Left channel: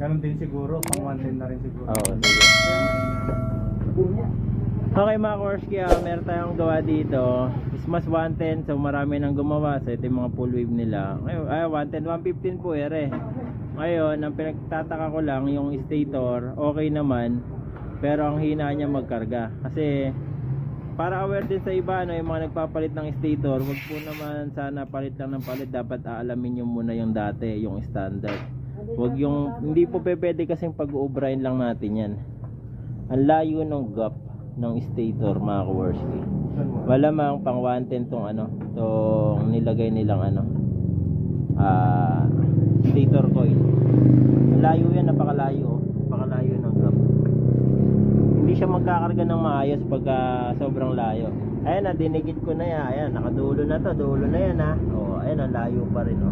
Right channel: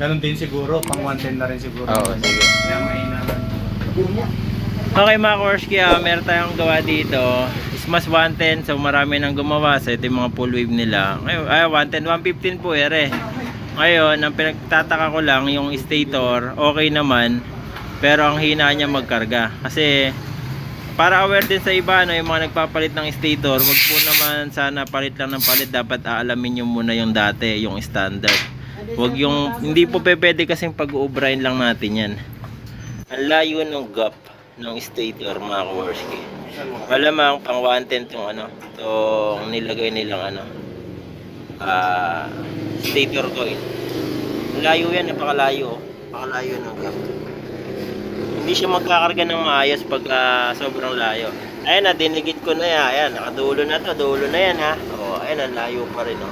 Ganun din siguro, pang 110 na rin siguro. Oo, sige. Kaya mahina. Okay mga Korsky, meron tayong gawa dito. Smash 110, so marami nang gumawa. So ito yung mga full wave nila. Ngayon, 110, 115 po ere. Ngayon, ang pinagtataka ko lang, yung stator, okay naman. Pero ang hina niya magkarga. Kasi, para aware din sa iba, no, yung mga nagpapalit ng stator, wag po naman sana palit lang ng palit. Dapat aalamin nyo muna yung dati, yung standard. Wag yung, hindi po pwede kasing pag-uubrahin lang natin yan. Ang layo ng gap ng stator mga Korsky. Malamang pang 110 tong ano, tong nilagay nilang ano, stator coil. Layo yan, napakalayo. Napakalayo ng gap. Hindi siya magkakarga ng maayos pag sobrang layo. Ayan na, dinigit ko na yan. Ayan, nakadulo na to. Dulo na yan ha. O, ayan na, layo pa rin o.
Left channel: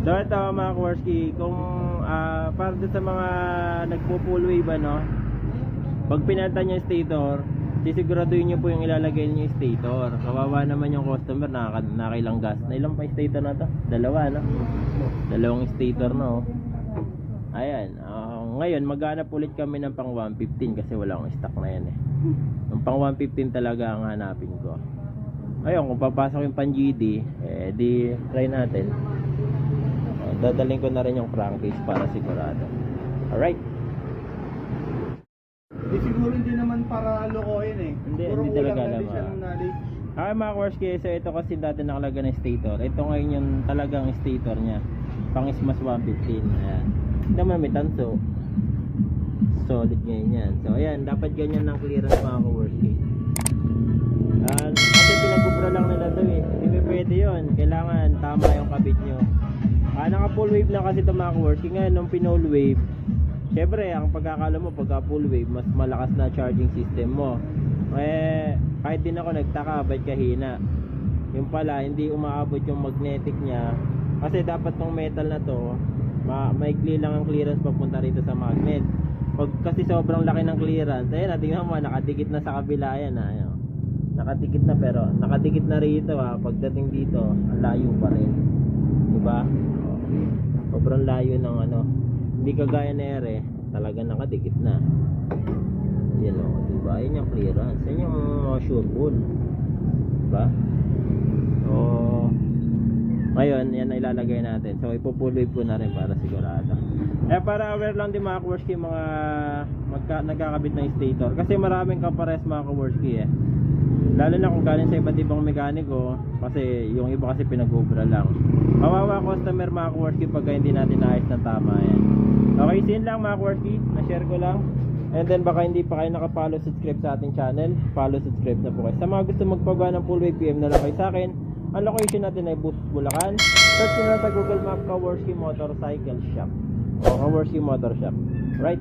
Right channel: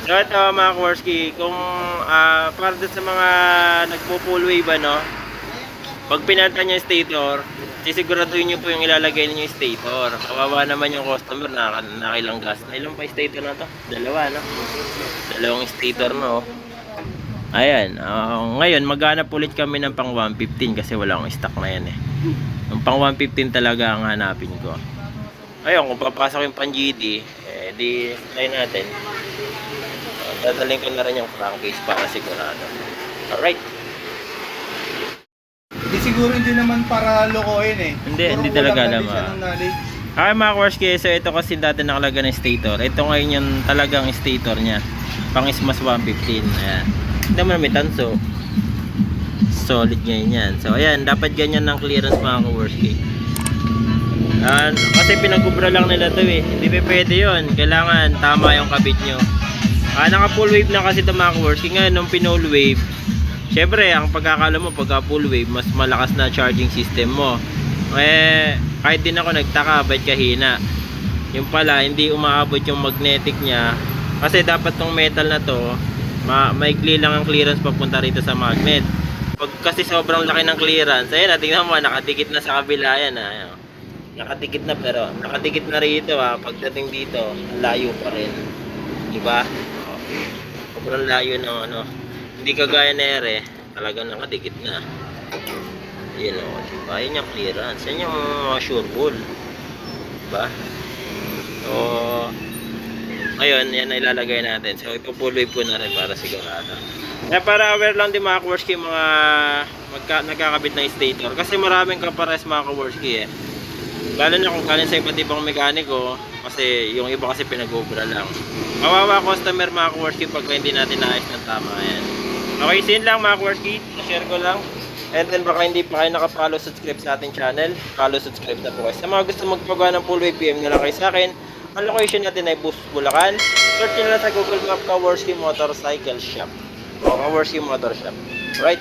So ito mga Korsky, kung para sa mga nagpo-full wave ano, pag pinalitan niya yung stator, sisiguraduhin niyo po yung ilalagay niyo yung stator. Kawawa naman yung customer, nakailang gas. Ilang pa yung stator na to? Dalawa, no? Dalawang stator, no? Ayan, ngayon maghanap ulit kami ng pang 115 kasi wala akong stock na yan eh. Yung pang 115 talaga ang hanapin ko. Ayun, kung papasok yung pang GD, di try natin. Dadalhin ko na rin yung crankcase para sigurado. Alright. Hindi siguro hindi naman para lokohin eh. Hindi talaga alam. Okay mga Korsky, so ito kasi dati nakalaga ng stator. Ito ngayon yung talagang stator niya. Pang Smash 115. Ayan. Hindi naman may tanso. Solid ngayon yan. So ayan, dapat ganyan ng clearance mga Korsky. Kasi pinagubra lang nila to eh. Hindi pwede yun. Kailangan tama yung kabit nyo. Naka full wave na kasi ito mga Korsky. Ngayon nung pinull wave, syempre ang pagkakala mo pagka full wave, mas malakas na charging system mo. Kahit din ako nagtaka, ba't kahina? Yung pala, hindi umaabot yung magnetic niya. Kasi dapat tong metal na to, maikli lang ang clearance papunta rito sa magnet. Pag kasi sobrang laki ng clearance, ayun, tingnan mo, nakadikit na sa kabila yan. Nakadikit na, pero nakadikit na rito pagdating dito, layo pa rin. Diba? Sobrang layo ng ano. Hindi kagaya na ere, talagang nakadikit na. Yun o, diba? Yun yung clearance. Yan yung sure pull. Diba? So, ngayon, yan na ilalagay natin. So, ipo-full wave ko na rin para sigurado. Para aware lang din mga Korsky, mga nagkakabit na stator. Kasi maraming kapares mga Korsky eh. Lalo na kung galing sa iba't ibang mekaniko. Kasi yung iba kasi pinag-ubra lang. Kawawa customer mga Korsky pag hindi natin naayos ng tama yan. Okay, sin lang mga Korsky, na-share ko lang. And then baka hindi pa kayo nakapollow, subscribe sa ating channel. Follow, subscribe na po kayo. Sa mga gusto magpagawa ng full wave, PM na lang kayo sa akin. Ang location natin ay Bulacan. Search nyo lang sa Google Map, Korsky Motorcycle Shop o Korsky Motor Shop. Right?